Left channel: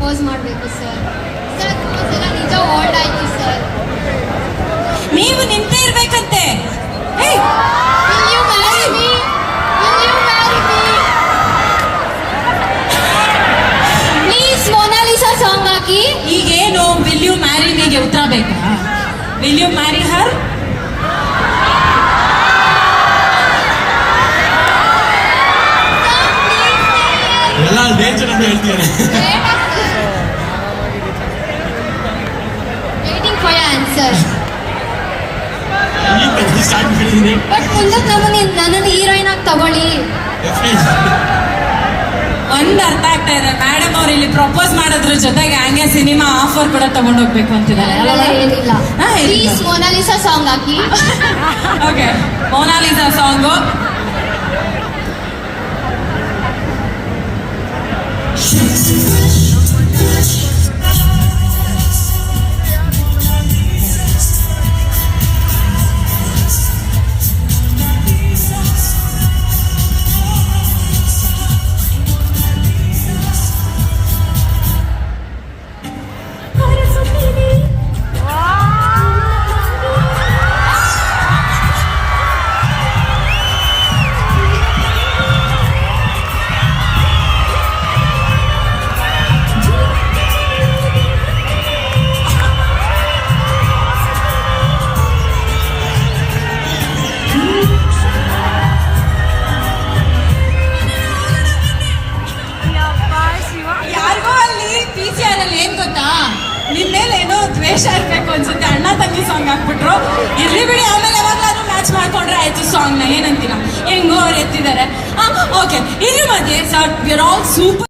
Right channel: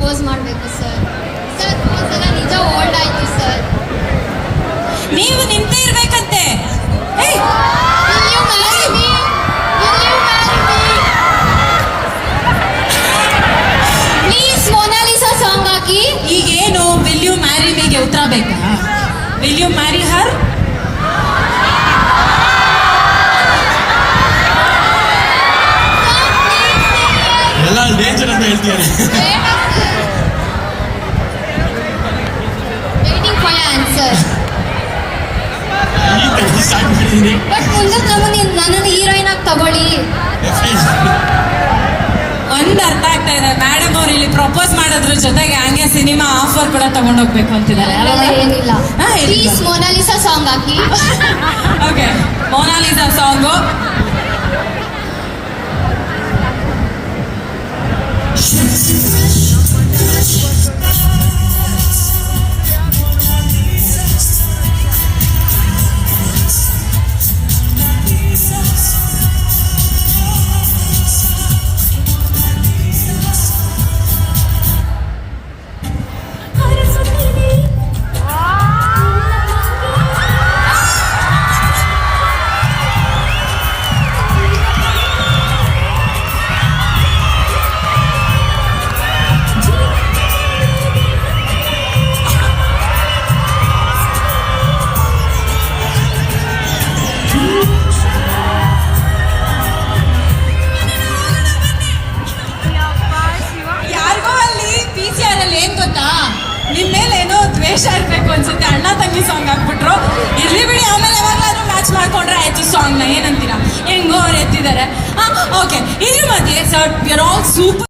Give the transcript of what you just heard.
Propose ಮಾಡಬೇಕು sir sir ಒಂದ್ಸಲ ನಿಜ ವರ್ಡ್ ಆಯ್ತು ಸರ್ ನೀವು ನಿಂತೇ ಇರ್ಬೇಕಂತೆ ಏಯ್, Will you marry me? Will you marry me? Please Monalisa song ಹಾಕಿ ಈಗೇನು ವಿಲ್ ಯು ಮ್ಯಾರಿ ಮೀಗೆ ಉತ್ತರ ಬೇಕಾ ವಿಲ್ ಯು ಮ್ಯಾರಿ ಹರ್ ಎಲ್ಲ ಡೇಂಜರ್ ಅಂತ ಹೇಳ್ತಾರೆ ಈಗ ತೆಗ್ದು ಸ್ಟಾರ್ಟ್ ಮಾಡಿದ್ದೀನಿ ಬಟ್ ಮುಂದೆ ನಮ್ಮನೆ ಹೀರೋಯಿನ್ ಆಗಿ ತಗೊಳ್ಳಿ. ಒಂದು ಅರ್ಥ ಆಗ್ತಾ ಇದೆ. ಮೇಡಮ್ ಅವ್ರು ಇಲ್ಲಿ ಪ್ರಪೋಸ್ ಮಾಡೋದ್ರ ಜೊತೆಗೆ ಹಂಗೆ ಸಿನಿಮಾ ಆಫರ್ ಕೂಡ ತಗೊಂಡ್ ಹೋಗ್ಬೇಕು ಅಂತಿದ್ದಾರೆ ಏನಿಲ್ಲ. ಪ್ಲೀಸ್ ಮೊನಾಲಿಸಾ ಸಾಂಗ್ ಹಾಕಿ. ಓಕೆ ಮೊನಾಲಿಸಾ ಸಾಂಗು ಯಾರಿಗೂ ದ್ವೇಷ ಇರ್ಬೇಕು ಅನ್ಸುತ್ತೆ. ಅಣ್ಣ ತಂಗಿ ಸಾಂಗ್ ಹಾಕ್ಬಿಟ್ರು. ಇರ್ಲಿ ಬಿಡಿ, ಆಮೇಲೆ ಯಾವಾಗಾದ್ರೂ ಮ್ಯಾಚ್ ಮಾಡ್ಕೊಂಡ್ರೆ ಆಯ್ತು ಸಾಂಗ್ನ. ಏನಂತೀರಾ? ಹೆಂಗೋ ಅವ್ರು ಎತ್ತಿದ್ದಾರೆ. ಓಕೆ ಇದ್ರ ಮಧ್ಯೆ ಸರ್ ಆಲ್ ಸೂಪರ್